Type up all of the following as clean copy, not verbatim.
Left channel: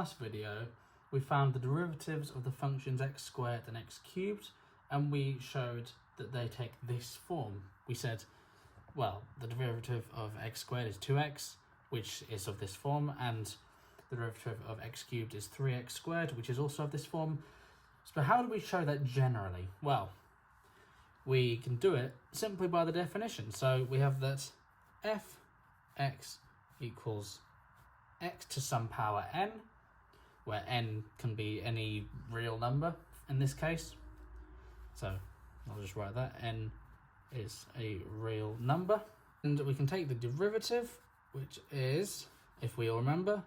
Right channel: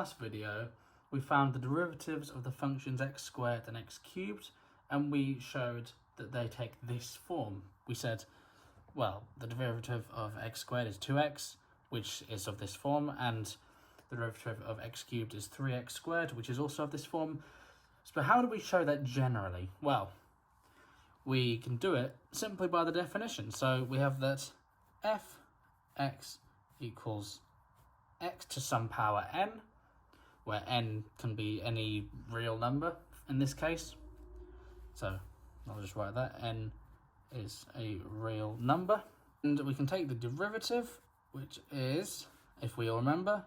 last video, we found the derivatives of the functions x squared and x cubed, and we showed that they take this form. We said, well, the derivative of x squared is 2x, which is of this form, and the derivative of x cubed is 3x squared, which is also of this form. So how do we show that generally? Well, we can do it simply by the definition. So we have that f(x) equals x to some power n, where n can be any real number in this case. So I'll just write that, n is a real number. And we can take the derivative, which is, if we all remember,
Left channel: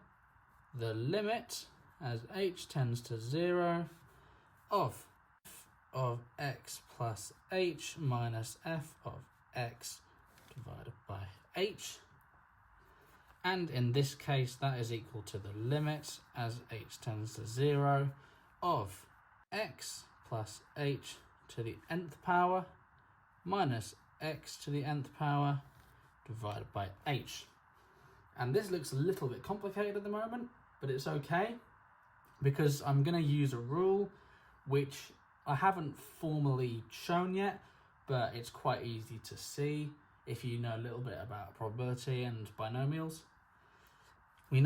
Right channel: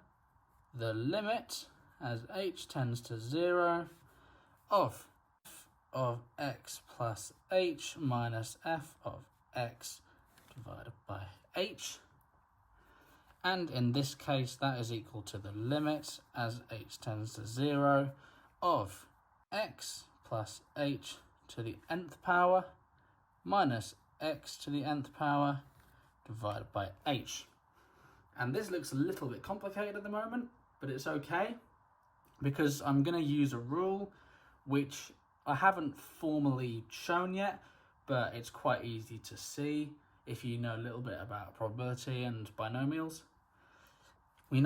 the limit as h tends to 0 of f of x plus h minus f of x divided by h. And in this case, that is equal to the limit as h tends to 0 of x plus h to the nth power minus x to the nth power divided by h. And this looks a little bit complicated at the moment, but it's okay, because I'm going to use a rule which I haven't formally shown yet, but it's quite easy to see if you know a little bit about probability and binomials. We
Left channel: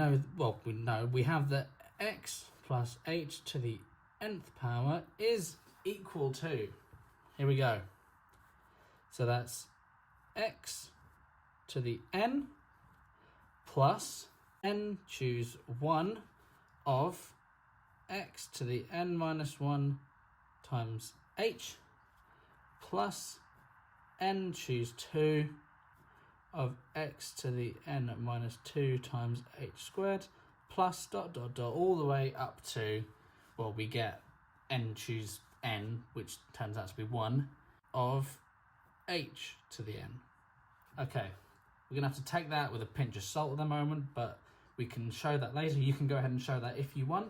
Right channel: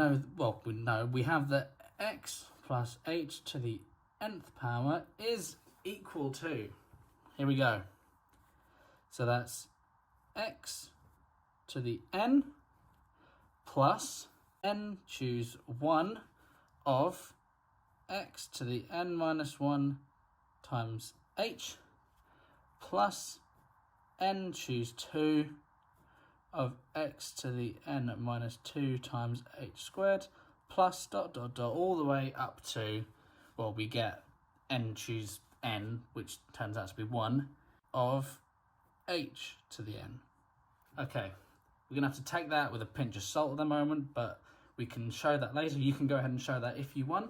have that x plus h to the nth power is equal to, here we go, so that's x to the n plus n, choose 1 of x to the n minus 1 times h plus n, choose 2 of x to the n minus 2 times h squared plus ... all the way up to, well, we get n, choose n, which turns out to be 1, of h to the n. Okay, we're going to have to take that with a pinch of salt at the moment, but we can show that later. You can go ahead and show that if you want.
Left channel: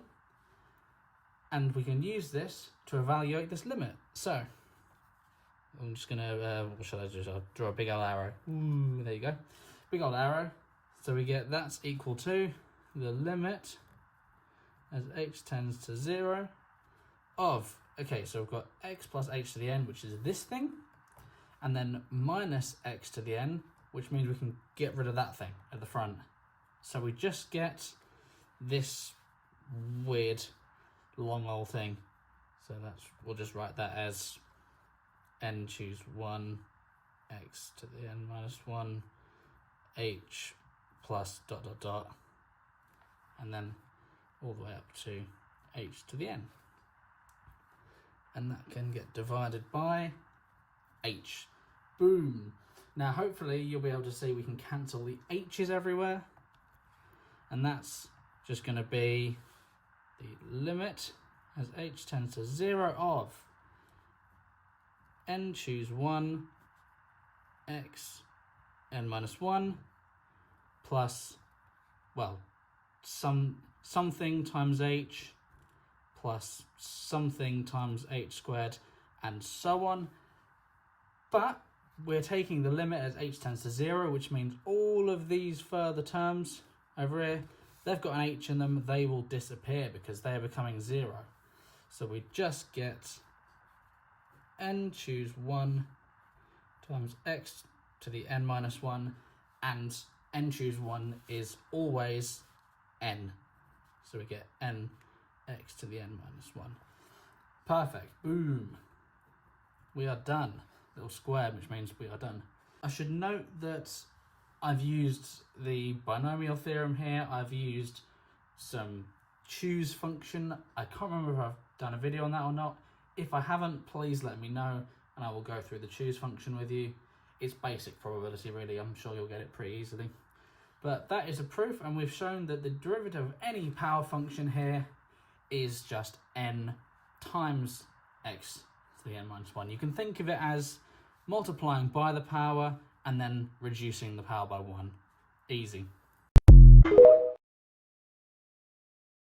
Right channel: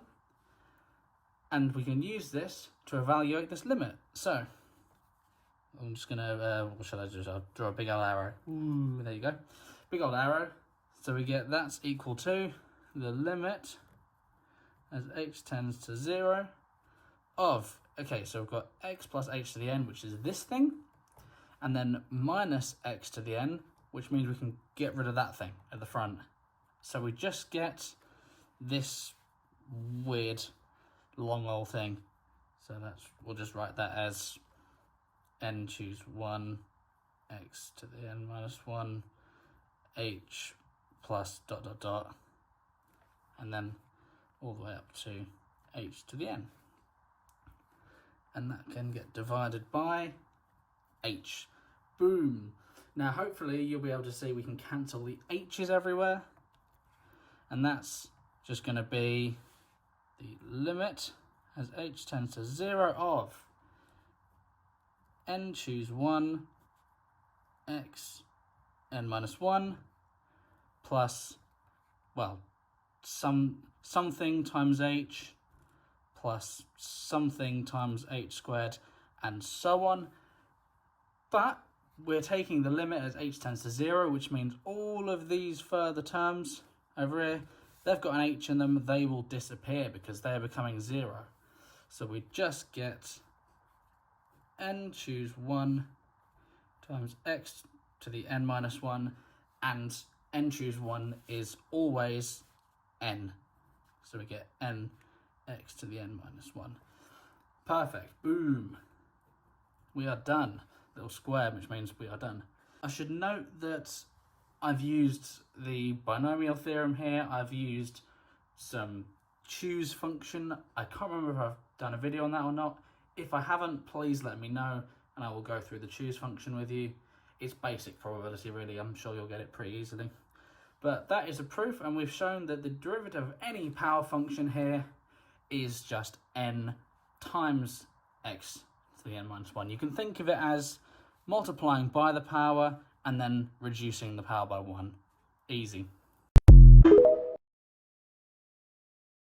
And we can use this to evaluate this limit. So I'm just going to, what shall I do? I'll draw a big old arrow. Ooh, there you go. Big old arrow. So we get that's equal to the limit as h tends to 0 of, okay, so we've got x plus h to the n, which is this thing, and then minus x to the n, which means we can get rid of that thing at the front. So we just get this weird long old thing. So we'll just write that as n, choose 1, x to the n minus 1, h plus ... and then all the way up to h to the n. And that can get divided by h. Boom. Now hopefully you'll be able to see we can cancel the h's everywhere. And that's just going to be the limit as h tends to 0 of n, choose 1, x n minus 1 plus, well, something times h plus something times h squared, and so on. But we're taking the limit as h tends to 0, which means all of these further terms over here, they've got an h in them, they will disappear because they're becoming 0. So we just get n, choose 1 times x to the n minus 1, and n, choose 1 is always n. So we get n x to the n minus 1. Perfect. Boom. We are done. Little square, which means we are done. I should note that I've used the binomial theorem here. I've used some choose function. I can't remember if I've done a video on that or not. If I haven't, please let me know and I will go through the choose function with you. It's basic probability really. I'm sure you'll get it pretty easily. But that is a proof, and we've shown that the derivative of any power function here is just n times x to the n minus 1. You can think of it as multiplying by the power and then reducing the power by 1. Easy.